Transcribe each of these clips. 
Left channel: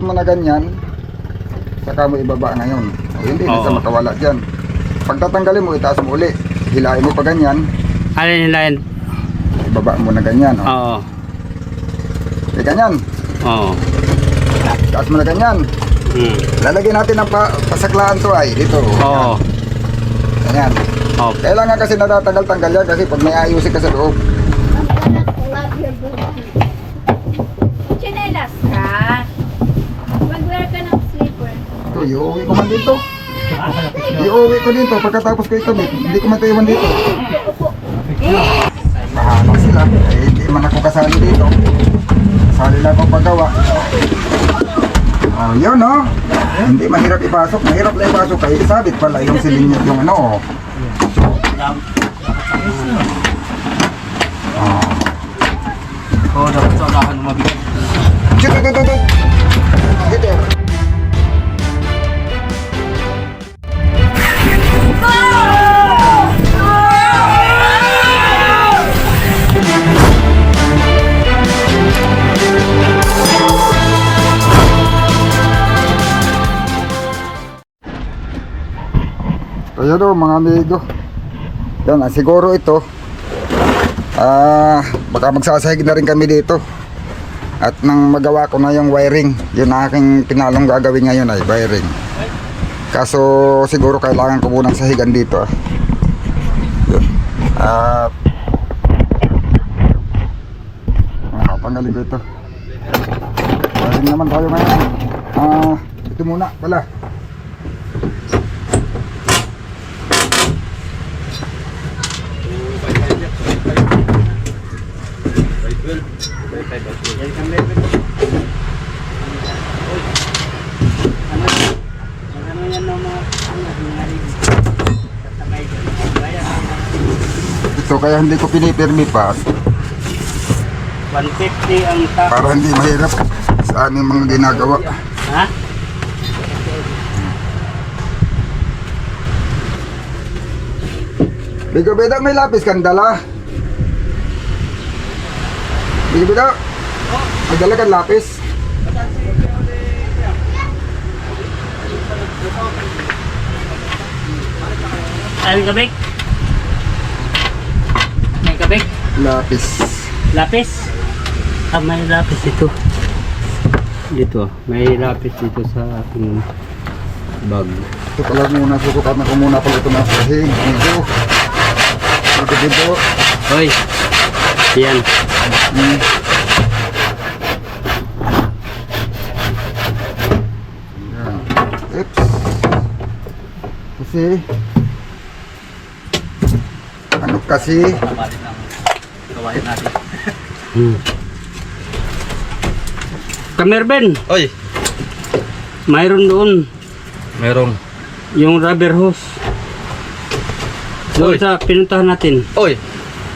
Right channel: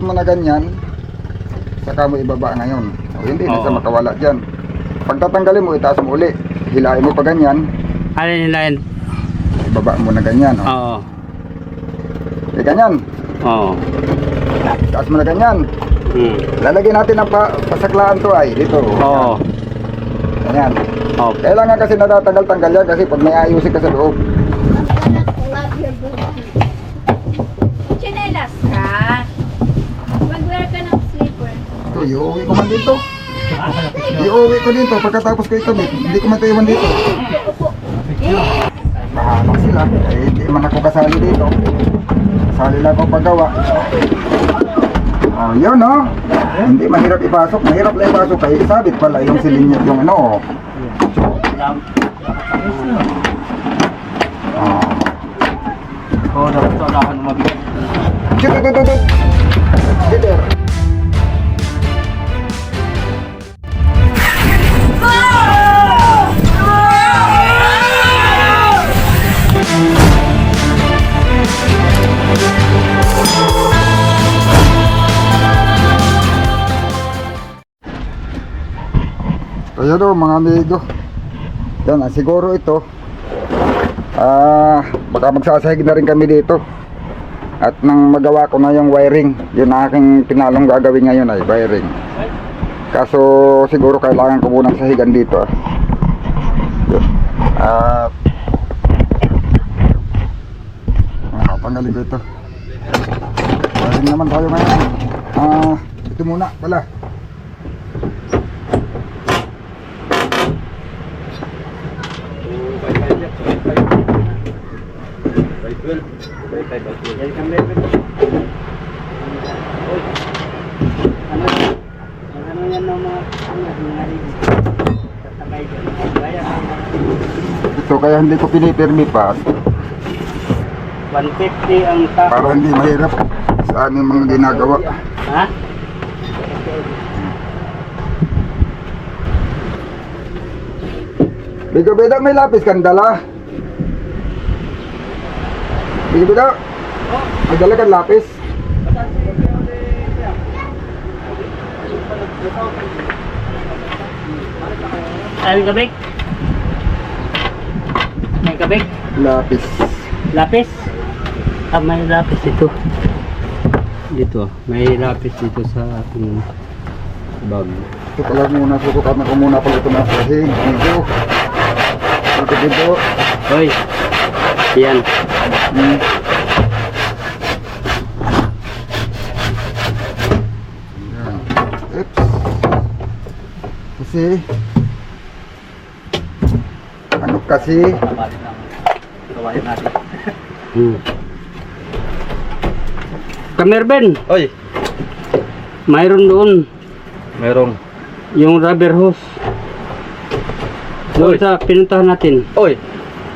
mo na ganyan, saka mo ibaba ngayon. O, hindi na siya makawala dyan. Pag tatanggalin mo, itaas mo uli. Hilain mo pa ganyan. Ano yung hilain? Ibaba mo na ganyan. O. Oo. Ganyan. Oo. Itaas mo na ganyan. Lalagyan natin ng pasaklaan to ay dito. Oo. Ganyan. Okay. Kailangan kasi natatanggal-tanggal yan kasi pag may ayusin ka sa loob. Chinelas ka. Mag-wear ka ng slipper. Ito, iuwi ko man dito. Iuwi ko dito pagkatapos ko ikamit. Hindi ko matayuan dito. Bahala sila. Eh, hindi man ako kasali dito. Kasali lang ako paggawa. Oh, yun no. Hindi mahirap ipasok. Mahirap na ipasok. Kaya isabit pala yung silinyot yung ano. Oh. Oo, dapat sa unahan mabigat. Tutututut. Gider. Ayan o mga amigo. Yan, siguro ito baka magsasahig na rin kami dito. At nang magawa ko na yung wiring, yun aking pinalong gagawin ngayon ay wiring. Kaso siguro kailangan ko munang sahigan dito. At panggalin ko ito. Wiring naman tayo ngayon. Ito muna pala. Ito kaya hindi ko pinipirmi pa 150 ang top. para hindi mahirap sa aming mga ginagawa. Ha? Bigo Beda, may lapis kang dala? Bigo Beda, may dala kang lapis? Ay, kabik? May kabik? Lapis. Lapis? Ah, may lapis ito. Dito, may lapis dito sa ating bag. Ito pala muna, susukat na ko muna pala ito na sahig. Medyo. Ito dito. Hoy, yan. Yan. Oops. Kasi ano kasi Gawain natin. Kamerben, Oy, mayroon doon merong. yung rubber hose. Doon Oy. sa pinuntahan natin. Oy,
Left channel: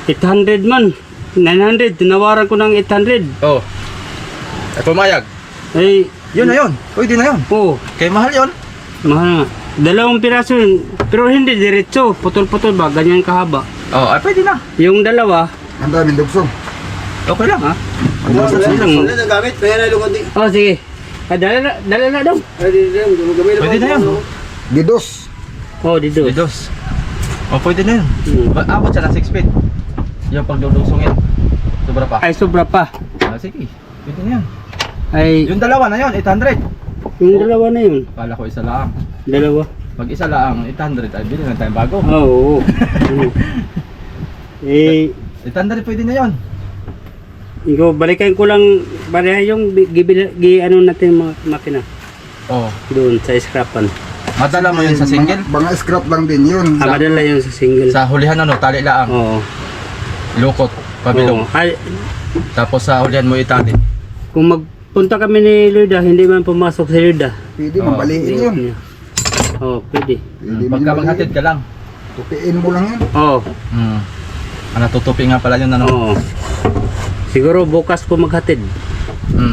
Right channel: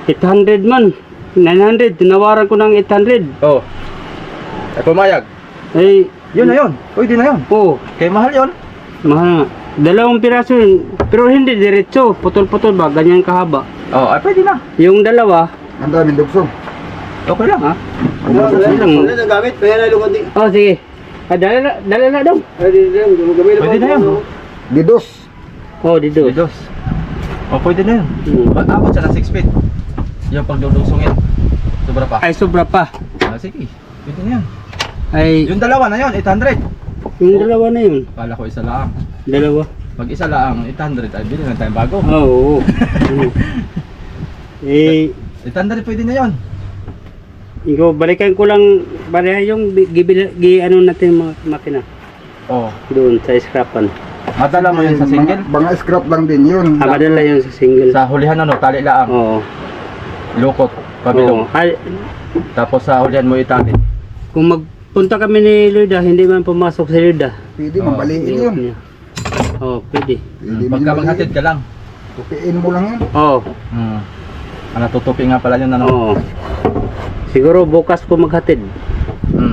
800 man. 900. Tinawaran ko ng 800. oh. Ay pumayag. Eh, Yun na yun. Pwede na yun. oh, Kay mahal yun. mahal nga. 2 piraso yun. Pero hindi diretso. Putol-putol ba? Ganyan kahaba. Oh, ay pwede na. Yung dalawa, ang daming dugsong. Okay lang. ha? Ang daming lang. dugsong. gamit, kaya na lukad di. Oh, sige. Ah, dala na daw. Pwede na yun. Gidos. Oh, dito. Didos. Oh, pwede na yun. Hmm. Abot siya ng 6 feet. Yung pagdudusungin. Sobra pa. Ay, sobra pa. Sige. Pwede na yan. Ay, Yung dalawa na yun, 800. yung dalawa na yun. Kala ko isa lang. Dalawa. Pag isa lang, 800. Ay, bilhin na tayong bago. Oo. Eh, 800 pwede na yun. ikaw, balikan ko lang pareha yung ano natin mga makina. Oh. Doon sa scrapan. Madala mo yun sa single. Mga scrap lang din yun. Ah, madala yun sa single. Sa hulihan ano, tali laang. Oo. Lukot, pabilong. Oo. Ay, Tapos sa hulihan mo itali. kung magpunta kami ni Luda, hindi man pumasok si Luda. Pwede mabaliin yun. Oo, pwede. Pwede Pagka maghatid ka lang. Tupiin mo lang yun. Oo. Natutupi nga pala yun ano. Oo. Siguro bukas ko maghatid.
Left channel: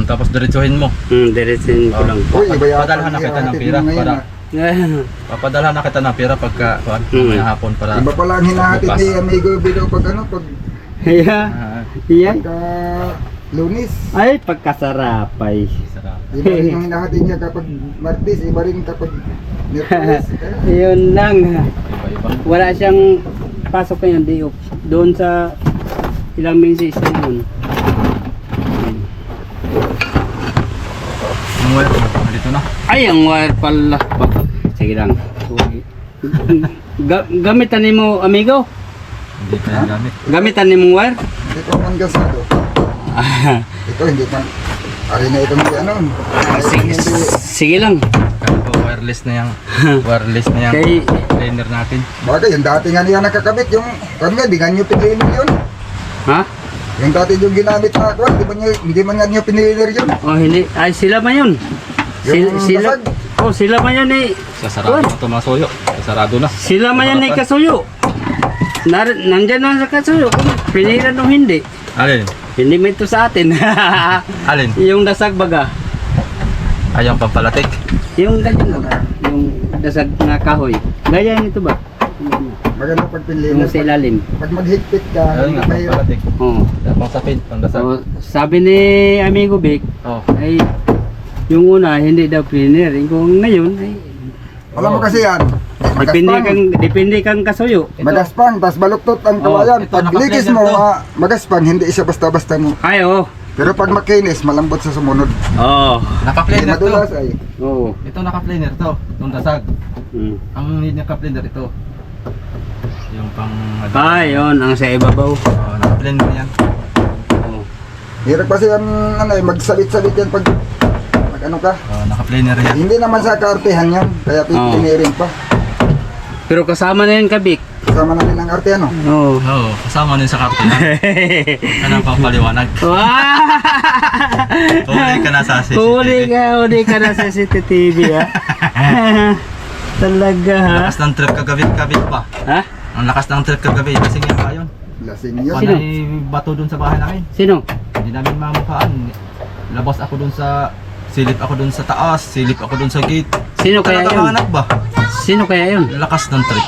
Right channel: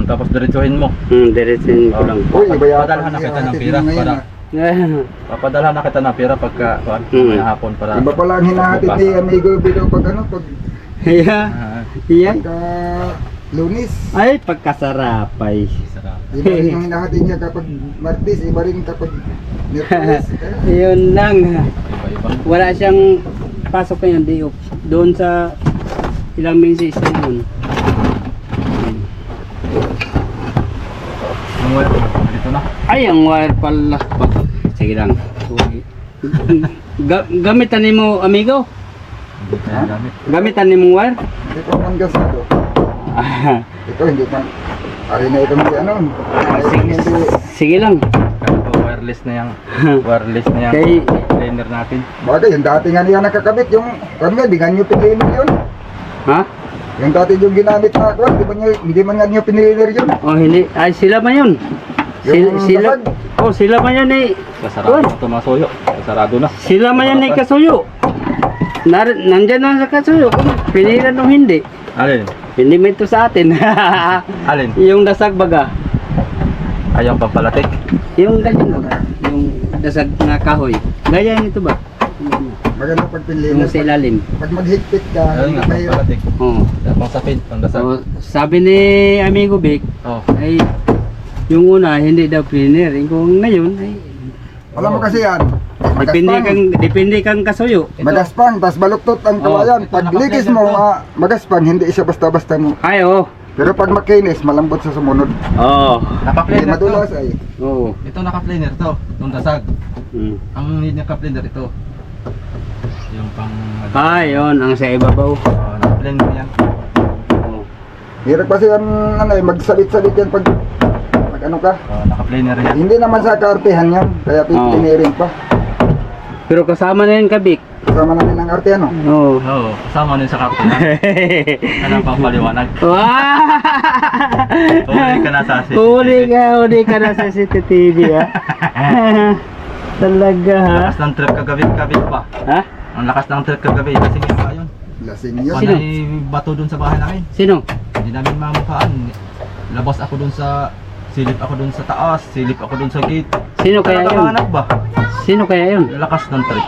Tapos diretsuhin mo. Diretsin ko lang. Uy, iba yata Padalhan na kita ng ihahatid pira mo ngayon, para ah. papadalhan na kita ng pira pagka may hapon para Iba pala ang hinahatid bukas. ni Amigo Bido pag ano, pag Yeah. Ah, Yeah. pagka Lunis. Ay, pagkasarapay. Sarap. Iba rin yung hinahati niya kapag Martes, iba rin kapag Miyerkules. Yun lang. Iba-iba. Wala siyang pasok ngayon, day off. Doon sa ilang minutes na yun. Ang wire ko, dito na. Ay, ang wire pala. Sige lang. Gamitan ni mo, amigo? Hindi ka na gamit. Gamitan ni mong wire? Hindi ko man gasado. Ito hindi man. Ari na itong ano. Sige lang. Kaya ko wireless na yung wireless na yung Kay- cleaner natin. Bagay, yung dati nga niya nakakabit, yung kami di nga nyo piniliner yun. Ha? Yung dati yung ginamit na ako, hindi man nga nyo piniliner yun. Oh, hindi. Ay, sila man yun. Yung Sila. basag. Oh, sila man yan eh. Sasarado na ito mga soyo. Sasarado na. Sila man yan eh kasuyo. Nandyan na sa kasuyo. Kung pinira nung hindi. Alin? Hindi mo ito sa atin. Alin? Yung dasag baga. Ayaw pampalatik. Yung ganyan baga. Yung dasag na kahoy. Gaya nito ba? Maganda pag piniliner. Yung sa ilalim. Pag maghigpit ka, Ayun nga, mahirap. pampalatik. Oh. Pang sapin, pang dasal. So, sabi ni Amigo Vic, Oh. ay yung una hindi daw cleaner. Kung ngayon ay Alam mo kasi yan, depende kang kasuyo. magaspang, tas baluktot ang kawayan. ito, Pag ligis naka-blender mo, to. magaspang, hindi siya basta-basta mo. Ay, oh. Pero pag makinis, malambot sa sumunod. Oh. Hindi Naka-cleaner to. madulas ay. Oh. Ito naka-cleaner to. Itong dasag. Mm. Ang need naka-cleaner ito. Yung pang... Ah, yun. Ang sa ibabaw. Oh, naka-cleaner yan. Oh. Hirap kasi yan, ano, magsabit-sabit yan pag ano ka. Oh, naka-cleaner yan. Hindi naman sa kaartehan yan, kaya pipiniring pa. Pero kasama na yun, Kabik. Kasama na rin ang arte, ano? Oo. Oo, kasama nun sa karton. Anong pampaliwanag? Wow! Huli ka na sa CCTV. Huli ka na sa CCTV, ha? Talaga, ha? Lakas ng trip kagabi pa. Ha? Ang lakas ng trip kagabi. Kasi nga pa yun. Lasing yun. Sino? Panay bato dun sa bahay namin. Sino? Hindi namin mamukhaan. Labas ako dun sa... Silip ako dun sa taas. Silip ako dun sa gate. Sino kaya yun? Talaga ba? Sino kaya yun? Lakas ng trip.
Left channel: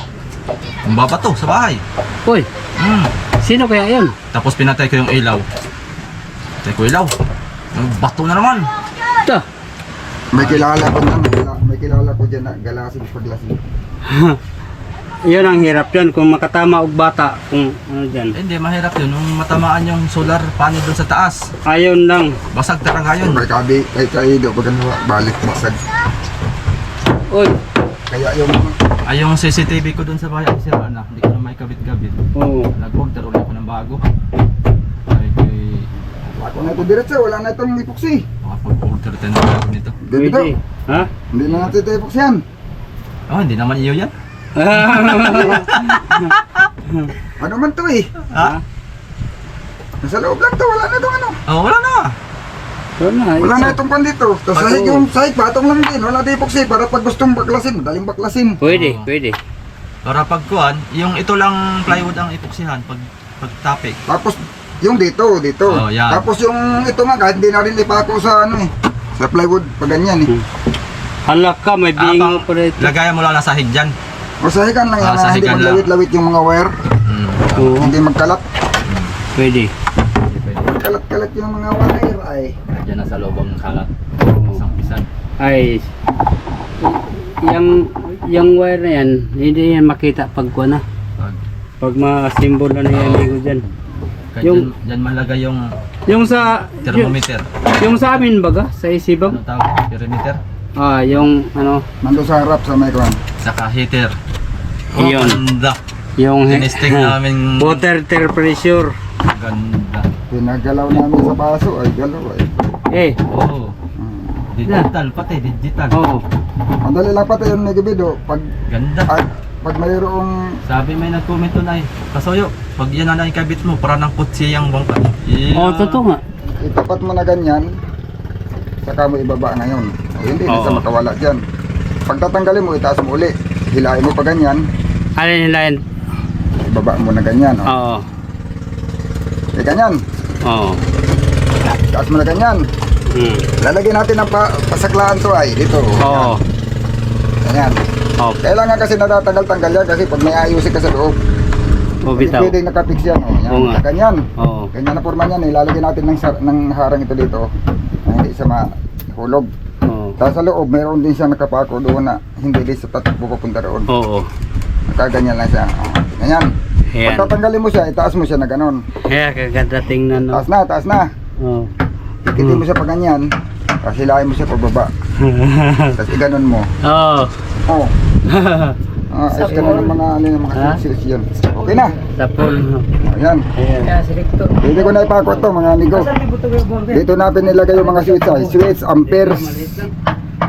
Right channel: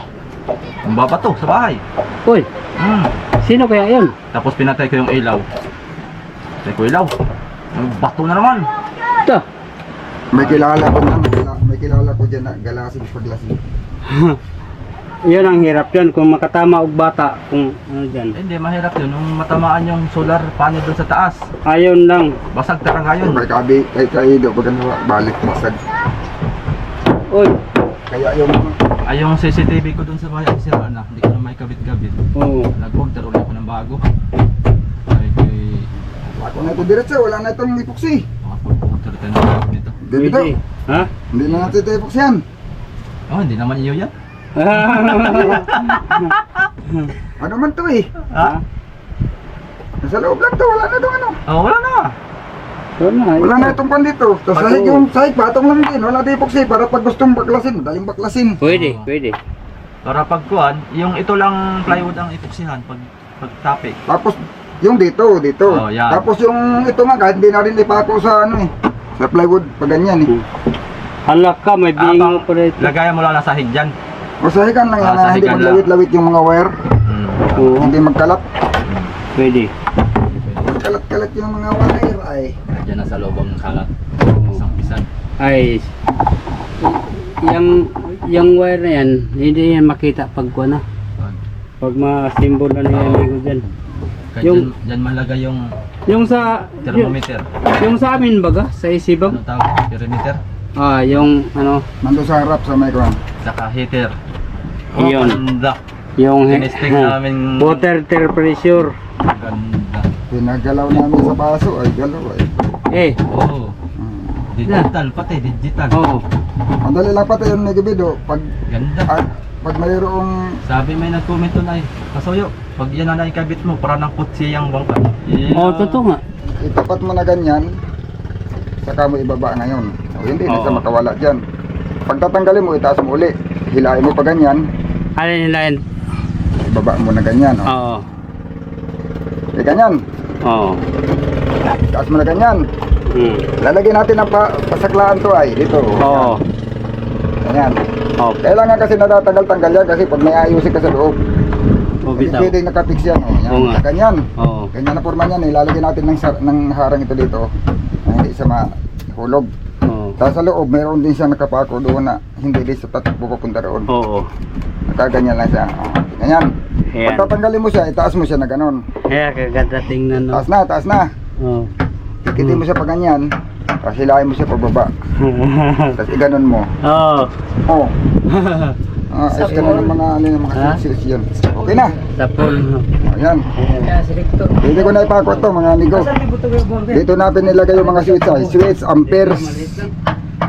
Ang babato sa bahay. Uy, sino kaya yun? Tapos pinatay ko yung ilaw. Pinatay ko ilaw. Yung bato na naman. Ito. May kilala ko na, may kilala ko dyan na galasing paglasing. Yun ang hirap yun. Kung makatama og bata, kung ano dyan. Eh, hindi, mahirap yun. Nung matamaan yung solar panel dun sa taas. Ayon lang. Basag talaga yun. May kabi, kay kaido, pag ano, balik masag. Uy. Kaya yung, Ay, yung CCTV ko dun sa bahay, sira na. Hindi ko na may kabit-kabit. Oo. Nag-order ulit ako ng bago. Ay, kay... ako na ito diretso, wala na itong epoxy. Makapag-order tayo ng bago nito. Dito, Pwede. Ha? hindi na natin ito epoxy yan. Oh, hindi naman iyo yan. Ano man to eh. Ha? Nasa loob lang to, wala na itong ano. Oh, wala na. Wala na itong pan dito. Tapos sahig yung sahig, patong lang din. Wala na epoxy para pag gustong baklasin, madaling baklasin. Pwede, Oo. pwede. Para pagkuhan, yung ito lang plywood ang epoksihan pag topic. Tapos yung dito. Oh, yan. Tapos yung ito nga, kahit hindi na rin ipako sa ano eh. Sa plywood, pag ganyan eh. Halak ka, may bingo pa rito. Lagayan mo lang na sahig dyan. O sahigan lang yan, na hindi sahigan lang. maglawit-lawit yung mga wire. Oo, Hindi magkalat. pwede. Kalat-kalat yung mga wire ay. Diyan na sa loob ang kalat. Isang pisan. Ay, yung wire na yan, hindi yan makita pag kuha na. Pag ma-symbol na yung amigo dyan. Kaya Yung- dyan malagay yung Yung sa, thermometer. yung sa amin baga, sa isibang, Ano tawag? Perimeter. yung ano, Nando sa harap sa may kwan. Saka heater. Iyon. Ganda. yung Tinesting namin. water temperature. Ganda. Pinagalaw namin sa baso ay galaw ay. Eh, Oo. Digital pati, digital. oo. Ang dali lang pati yung negabido. Pag, Ganda. pag mayroong Sabi may nag-comment doon ay, Kasoyo, pag yan na ikabit mo, para ng kutsi yung bangka. Oo, totoo nga. itapat mo na ganyan, saka mo ibaba ngayon. O hindi na Oo. sa makawala dyan. Pag tatanggalin mo, itaas mo uli. Hilain mo pa ganyan, Alin hilahin? ibaba mo na ganyan. O. Oo. Eh, ganyan. Oo. Taas mo na ganyan. Hmm. Lalagyan natin ng pasaklaan to ay dito. Oo. Ganyan. Oo. Kailangan kasi natatanggal-tanggal yan kasi pag may ayusin ka sa loob. O, Hindi bitaw. pwedeng nakapix yan. Oh, yan. Oo nga. Ganyan. Oo. Ganyan na forma niyan. Ilalagay natin ng harang ito dito. Na hindi siya mahulog. Oo. Tapos sa loob, mayroon din siya nakapako doon na hindi din sa tatakbo papunta roon. Oo. Nakaganyan lang siya. Oh, ganyan. Ayan. Pag tatanggalin mo siya, itaas mo siya na ganon. Kaya kaganda tingnan, no? Taas na, taas na. Oo. Ikitin mo siya pa ganyan. Tapos hilahin mo siya pababa. Tapos iganon mo. Oo. Oh. Ayos ka na ng mga ano yung mga Ha? switch yun. Okay na. Tapol. Ayan. Ayan. Pwede ko na ipakot to mga amigo. Dito na pinilagay yung mga switch ay switch, amperes,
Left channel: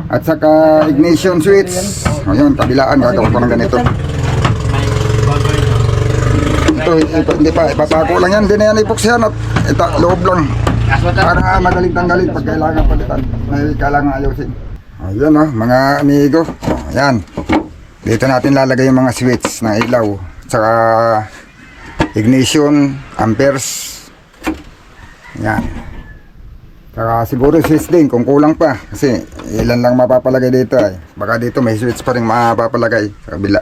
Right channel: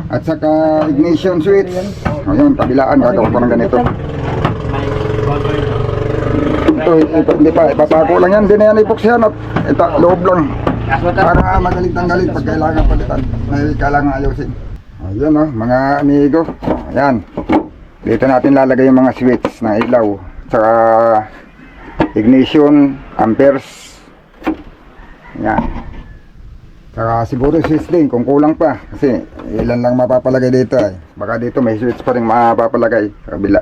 at saka ignition switch. Ayun, kabilaan, gagawa ko ng ganito. Ito hindi pa, ipapako lang yan, hindi na yan ipuksyan at ito, loob lang. Para magaling tanggalin pag kailangan palitan, may kailangan ayusin. Ayan o, mga amigo. Ayan. Dito natin lalagay yung mga switch ng ilaw, saka ignition, amperes. Ayan. Saka siguro switch din kung kulang pa, kasi ilan lang mapapalagay dito eh. Baka dito may switch pa rin mapapalagay sa kabila.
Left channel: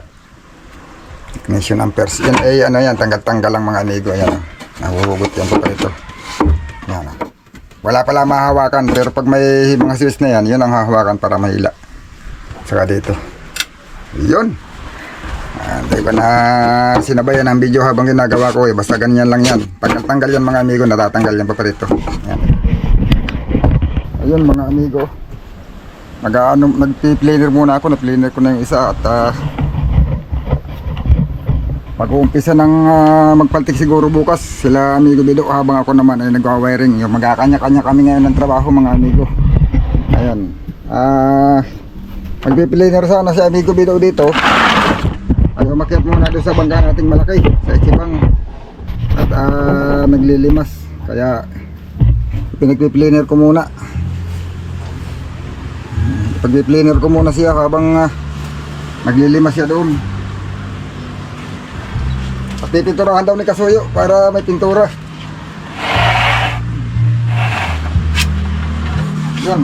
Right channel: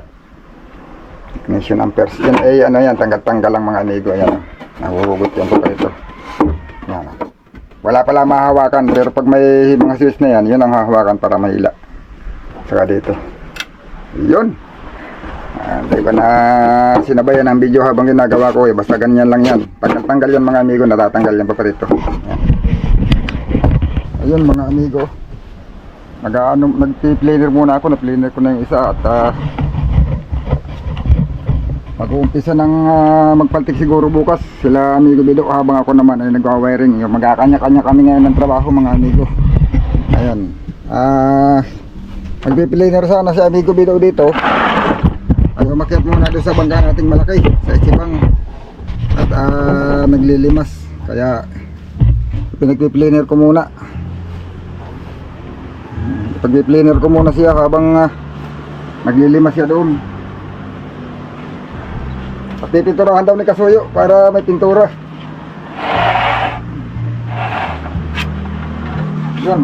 Ignition amperes. Yan ay ano yan, tanggal-tanggal lang mga amigo. Ayan. Nahuhugot yan pa ito. Yan. Wala pala mahawakan, pero pag may mga switch na yan, yun ang hahawakan para mahila. Saka dito. Yun. Hindi ko na sinabayan ang video habang ginagawa ko eh. Basta ganyan lang yan. Pag natanggal yan mga amigo, natatanggal yan pa rito. Yan. Ayun mga amigo. Nag-planer muna ako. Na-planer ko na yung isa at mag-uumpisa ng magpaltik siguro bukas sila amigo Bido habang ako naman ay nagwa-wiring. Yung magkakanya-kanya kami ngayon ng trabaho mga amigo. Ayun. Magpiplaner sana si amigo Bido dito. Ay umakyat muna doon sa bangka nating malaki sa Ikibang at naglilimas. Kaya pinagpiplaner ko muna. Pagpiplaner ko muna siya habang naglilimas siya doon. At pipinturahan daw ni Kasuyo para may pintura. Yan.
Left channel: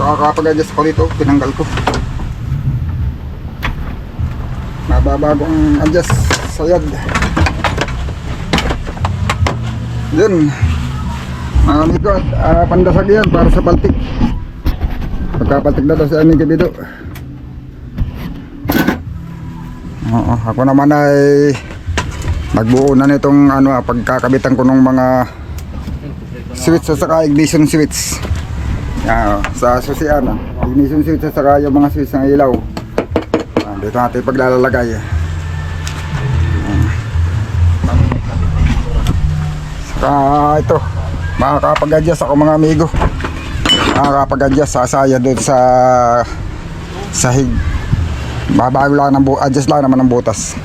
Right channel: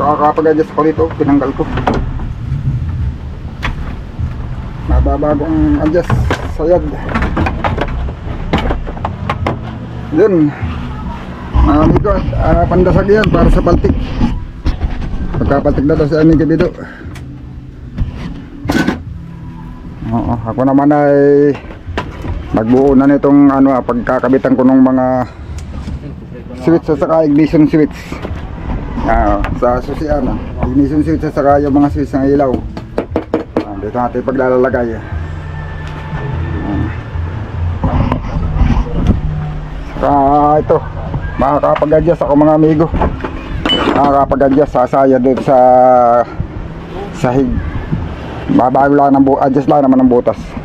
nakakapag-adjust ko dito, tinanggal ko. Mababagong adjust sayad. Yun. Mga amigo, pandasag yan para sa paltik. Pagkapaltik na daw si aming kabido. Oo, ako naman ay magbuo na nitong pagkakabitan ko ng mga switch at saka ignition switch. Sa susian, ignition switch at saka yung mga switch ng ilaw. Dito natin paglalagay. Saka ito, makakapag-adjust ako mga amigo. Makakapag-adjust sasaya doon sa sahig. Babago lang ng adjust lang naman ng butas.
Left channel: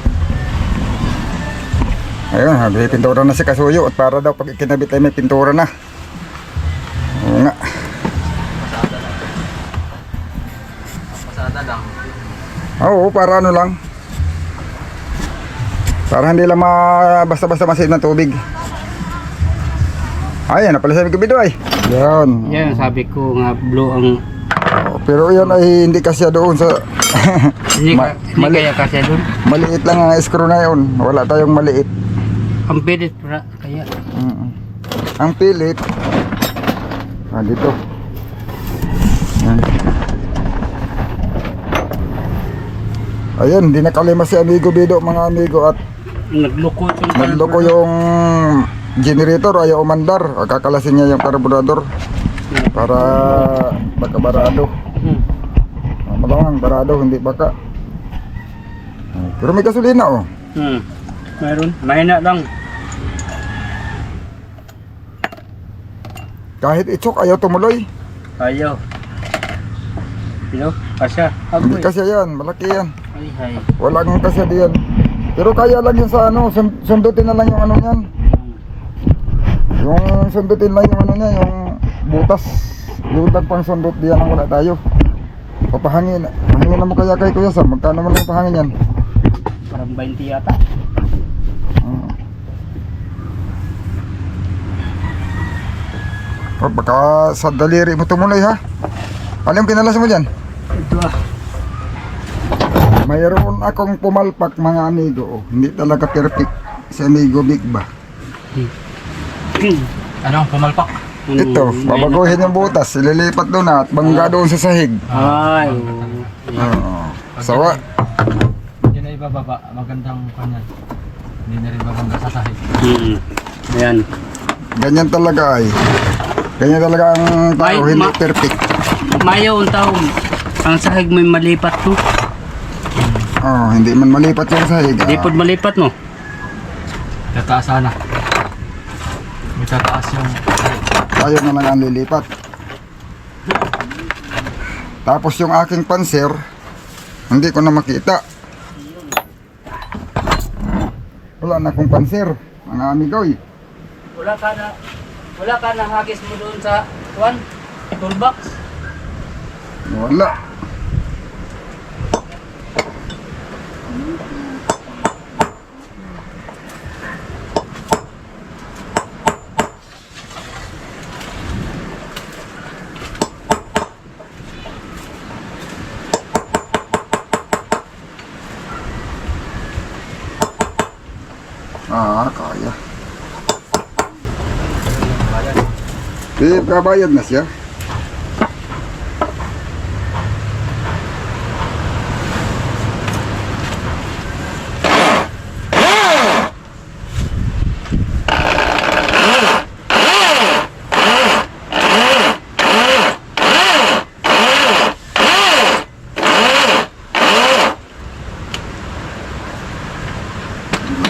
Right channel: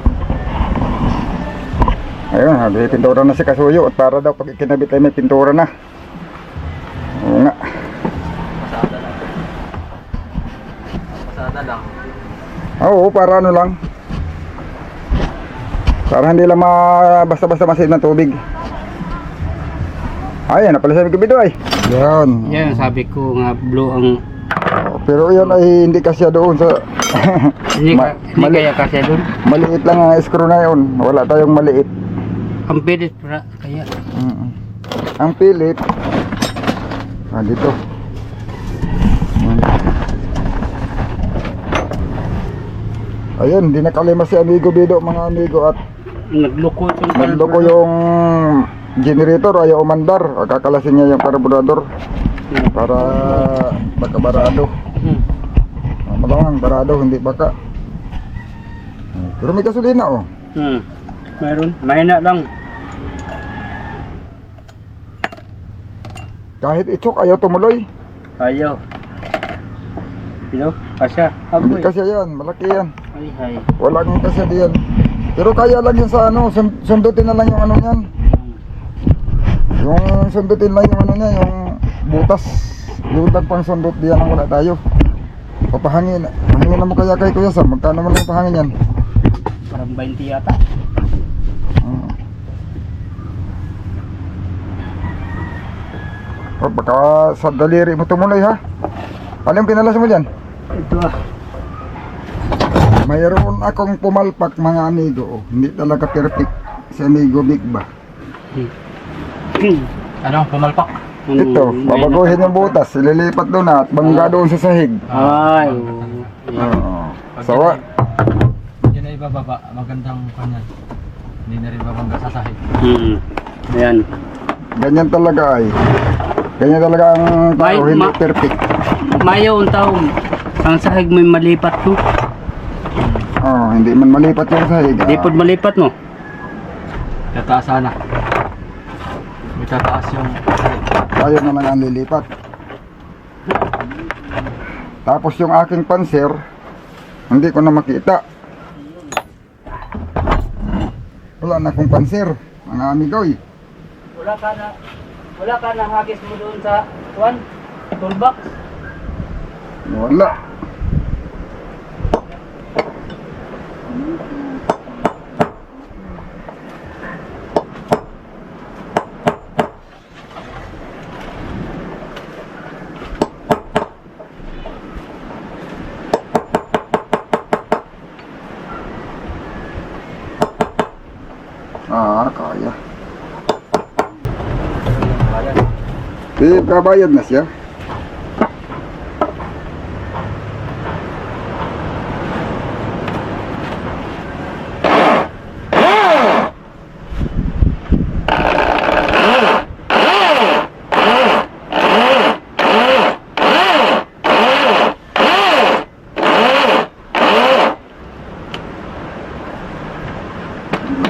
Ayun, may pintura na si Kasuyo at para daw pag ikinabit ay may pintura na. Oo nga. Pasada lang. Oo, para ano lang. Para hindi lang basta-basta masid ng tubig. Ayan, na pala sabi ko bito ay. Yan. Yan, sabi ko nga blue ang Pero yan ay hindi kasi doon sa hindi, mali- kaya kasi doon. maliit lang ang screw na yun. Wala tayong maliit. Ang pilit kaya. Ang pilit dito. Ayun, di nakalima si amigo Bido mga amigo at nagloko yung generator, ayaw umandar. Kakalasin niya yung karburador para baka-barado. Malamang barado, hindi baka. Pero may gasolina oh. Meron, mahina lang. Kahit itsok, ayaw tumuloy. Ayaw. Pero, kasya. Hindi kasi yan, malaki yan. Ay. Wala kang kasi diyan. Pero kaya lang yun sa sundutin na lang yung ano niyan. Yung sundutin lang yung ano niya, yung butas. Yung pang sundot diyan ang wala tayo. Papahangin. Pahangin na mo kaya kay Kuya Sam. Magkano mo lang pahangin yan? Parang 20 yata. Baka sa daliri mo tumuloy ha. Ano yung pinalas mo dyan? Ito Mayroon akong pumalpak mga amigo. Hindi talaga perfect si amigo Big ba. Ano, pumalpak? Ito, babaguhin yung butas. Ililipat doon at bangga doon sa sahig. Ay. Oo. Sawa. Yun na ibababa, magandang kanyan. Hindi na rin babangga sa sahig. Ayan. Ganyan talaga ay. Ganyan talaga ang tao, hindi perfect. Mayo ang taong. Ang sahig may malipat to. Hindi man malipat yung sahig. Di po malipat no? Tataas sana. May tataas yung sahig. Tayo na lang ang lilipat. Tapos yung aking panser, hindi ko na makita. Wala na akong panser, mga amigoy. Wala ka na hagis mo doon sa toolbox. Wala. Kaya. Kabayad na siya.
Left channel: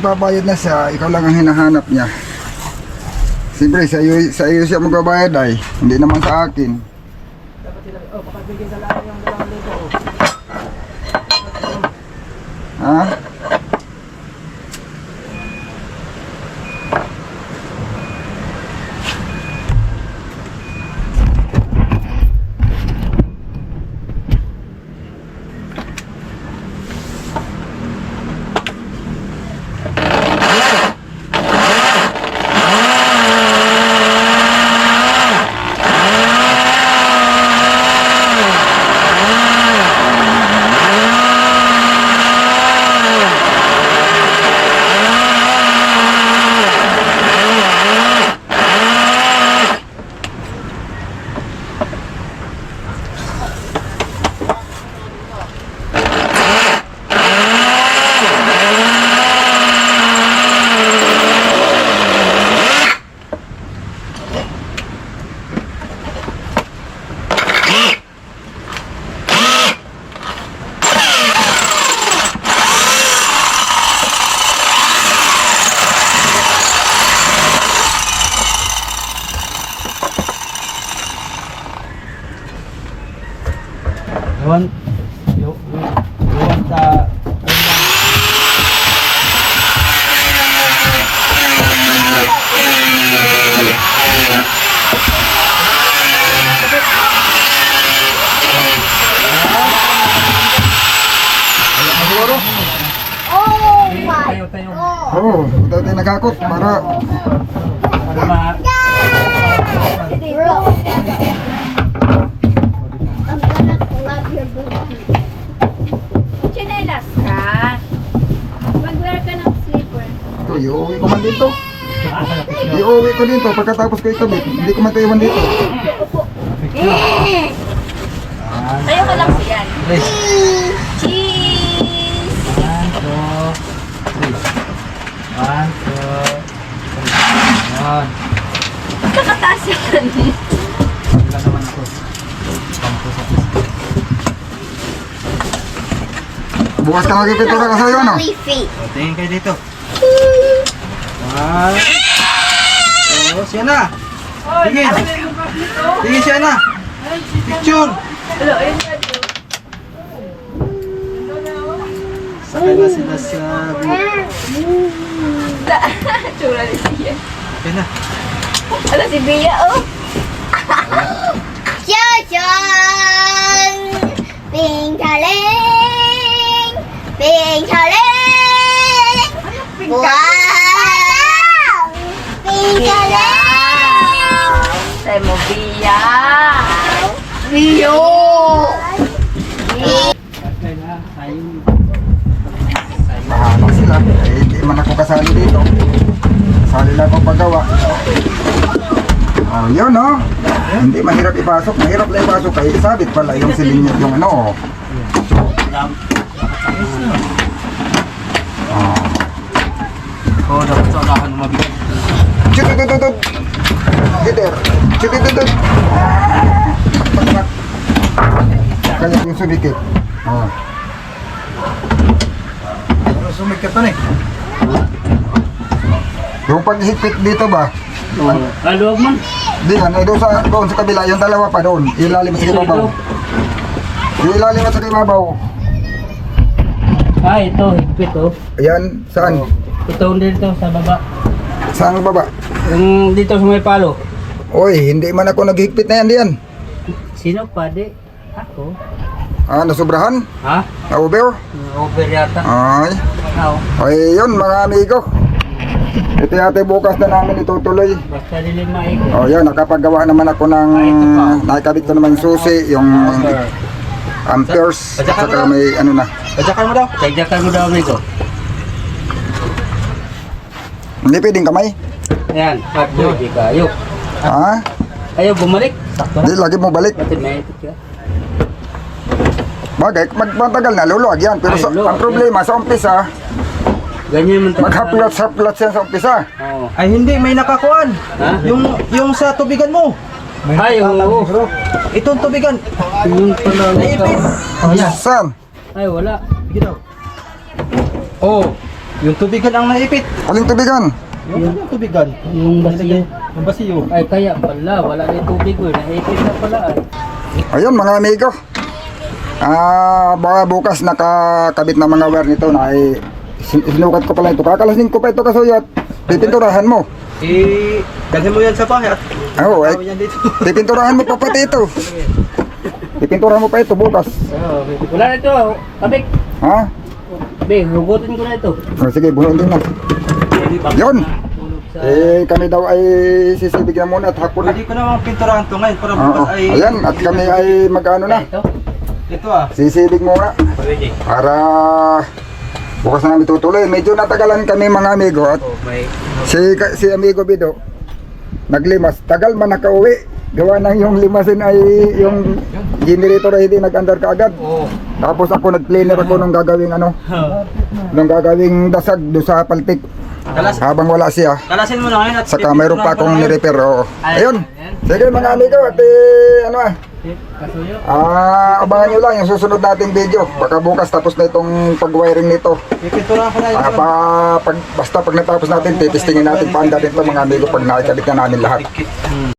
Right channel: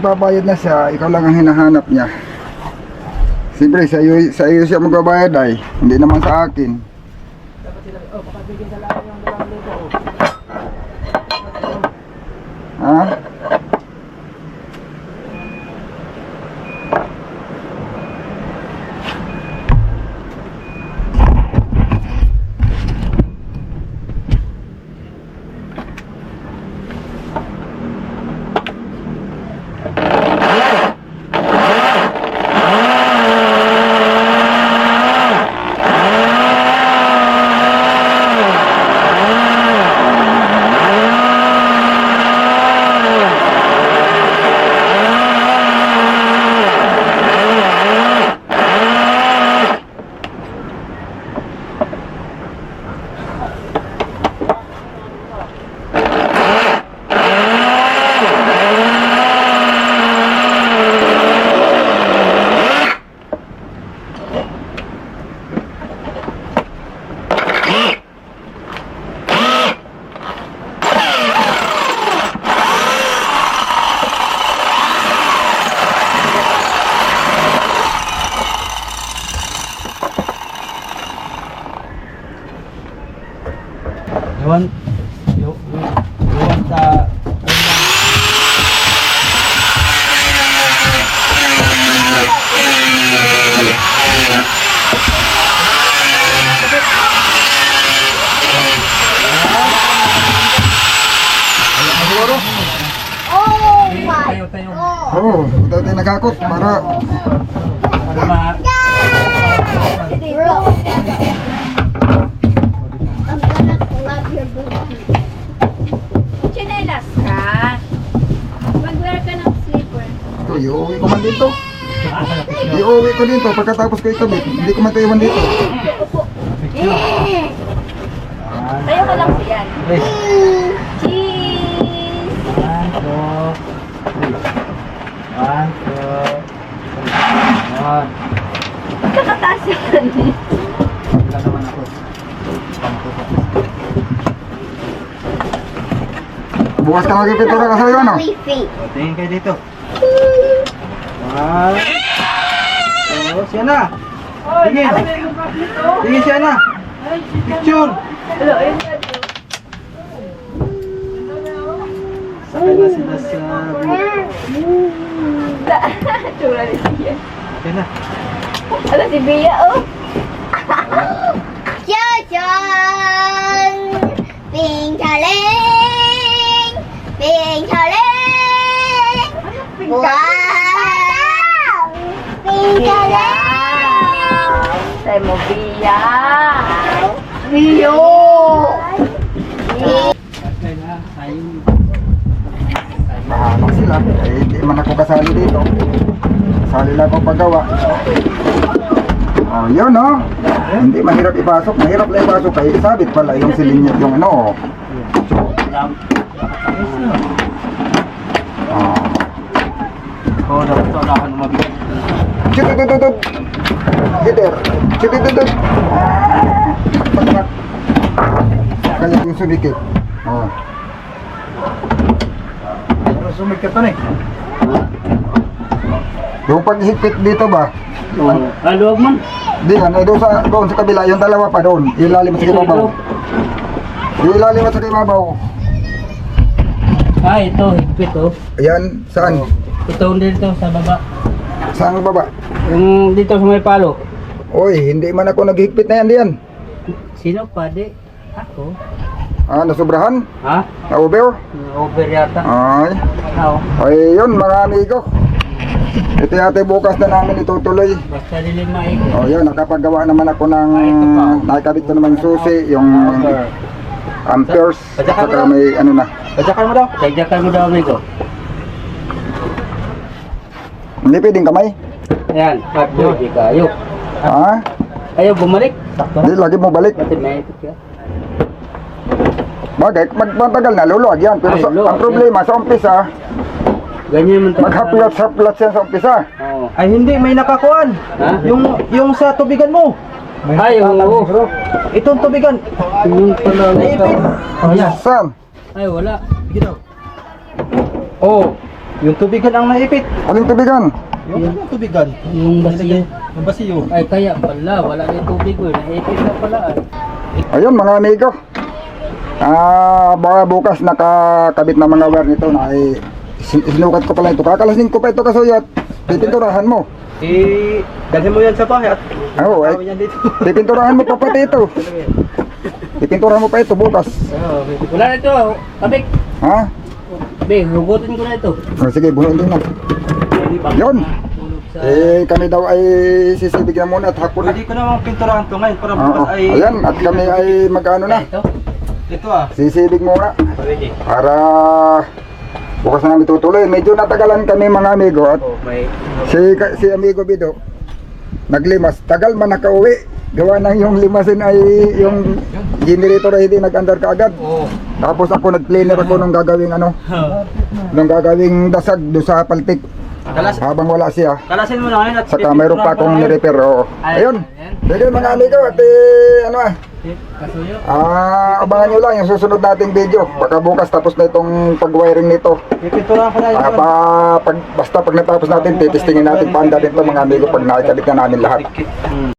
Babayad na siya, ikaw lang ang hinahanap niya. Siyempre, sa iyo siya magbabayad ay, hindi naman sa akin. Ha? Iwan sa... Tayo, tayo. Oo, ito tayo nagakot para Para ma... I'm gonna love your booty. Chinelas ka. Mag-wear ka ng slipper. ito, iuwi ko man dito. Iuwi ko dito pagkatapos ko ikabit. Hindi ko mataiwan dito. Tayo ka lang siyan. Please. Cheese! 1, 2, 3. 1, 2, 3. Nakataas yan. Wala naman ako. Pangko sa Bukas ka magpipintura ka sa'yo, ano? tingin kayo dito. 1. Oh, siya na. Tingin. Tingin siya na. Picture. Sakay na sila sa... Tsura ni siya. Sakay na. Ano si Bia, oh? Chuchon! Pingkaling! Pingkaling! Wow! Pingkaling! Say mo, Bia! Bio! Mahanap sila. Eh, hindi man ako kasali dito. Kasali lang ako paggawa. Oh, yun, no? Hindi mahirap ipasok. Mahirap lang ipasok. Kaya isabit pala yung silin yung ano, oh. Oh. Oh, dapat sa unahan mo mabigat. Chutututut. Gider. Chutututut. Pakpak. Kaya yung sumikip. Oh. Sumikit pa na eh. Yung paghigpit dito ba? Luwag man. Di yan, doon sa kabila, yung dalawa pa doon. Ilalim sa kibabaw. Ilalim sa kibabaw. Ah, ito, higpit oh. Ayan, saan? Ito dito sa baba. Saan baba? Yung dito sa may palo. Oy, hindi man ako naghigpit na yan diyan. Sino pa di? Ako. Ah, nasubrahan? Ha? Na-over? Over yata. Ay. Oo. Ay, yun mga amigo. Ito yata bukas na namin itutuloy. Basta dilim maikot. Oh, yan, nakapagawa naman ako ng nakakabit ko naman yung susi, yung amperes, saka may ano na. Tadyakan mo daw. Tagdakan mo daw, amigo. Hindi pwedeng kamay. Ayan, pagdo, di kayo. Ha? Ayaw bumalik. Sakto Hindi, lagi mo balik. Pati may ito ka. Bagay, magmatagal na, luluwag yan. Pero Ay, sa, luluwag ang problema sa umpisa, Ganyan man talaga. maghaplat yan sa umpisa. Oo. Ay hindi, may nakakuan. Ha? Yung sa tubigan mo. Ay, oo. Itong tubigan. Yung pala. Naipit. Oh, yan. Saan? Ay, wala. Sige daw. Oh, yung tubigan ang naipit. Aling tubigan? Yung tubigan. Yung basiyo. Yung basiyo. Ay, kaya pala. Wala na yung tubig ko. Naipit na pala. Ay. Ayun mga amigo. Baka bukas nakakabit na mga wire nito na ay sinukat ko pala ito. Kakalasin ko pa ito kasuyot. Pipinturahan mo. Dalhin mo yan sa bahay at Oo, tawin yan dito. pipinturahan mo pa pati ito. Pipinturahan mo pa ito bukas. Wala na ito. Kabik. Ha? Be, hugutin ko na ito. O, sige, bunuin din na. Yun. Kami daw ay sisibig na muna at hapon na. Pwede ko namang pinturahan to ngayon para bukas Oo. ay... Ayan, at kami ay mag-ano na. Ito. Ito ah. Sisibig muna. Pwede. Para bukas na namin tutuloy. Medyo natagalan kami mga amigo at Oh, may... si amigo Bido naglimas. Tagal man nakauwi. Gawa ng yung limasin ay yung generator ay hindi nag-andar kaagad. Oh. Tapos ako nag-cleaner ako nung gagawing ano, nung gagawing dasag do sa paltik. Habang wala siya. Kalasin mo na ngayon at Saka mayroon pa akong ni-repair. Oo. Ayun. Ayan. Sige mga amigo at ano Kasuyo. abangan nyo lang yung susunod nating video. Baka bukas tapos na itong pag-wiring nito. ipinturahan ko na yun. Basta pag natapos natin, titistingin natin paanda din ito mga amigo pag nakikabit na namin lahat.